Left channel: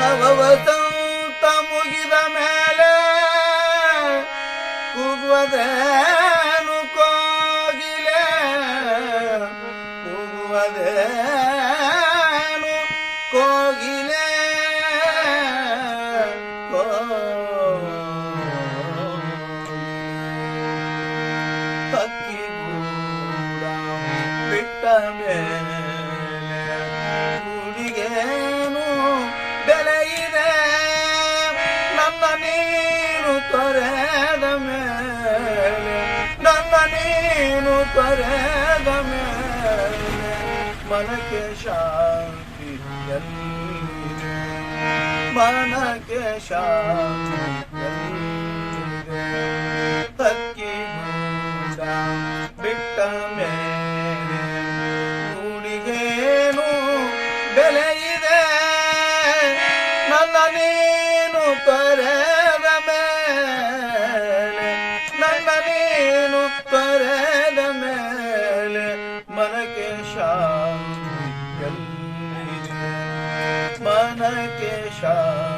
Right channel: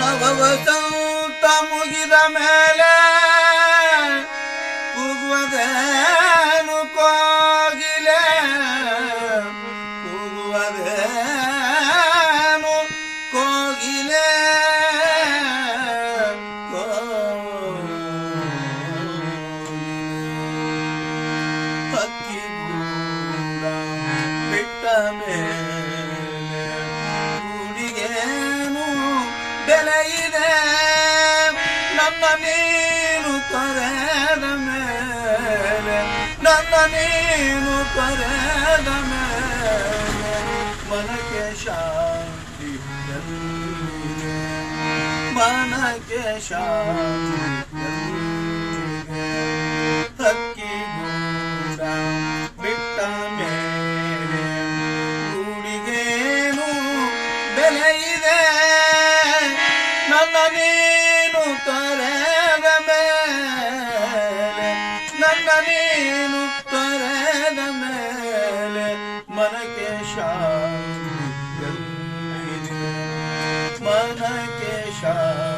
ನವವಸಂತ ಮುಗಿದ ಮೇಲೆ ಕೂಗುವುದೇನು ಮೇಲೆ ನನ್ನ ನೀನು ಪರದ ಮೇಲೆ ಮನಕ್ಕೆ ಶಾಂತಿ ಮನಕ್ಕೆ ಶಾಂತಿ ಹಕ್ಕಿ ಬಿಟ್ಟ ಮೇಲೆ ನುಡಿಗೇನು ಬೆಲೆಯ কেশব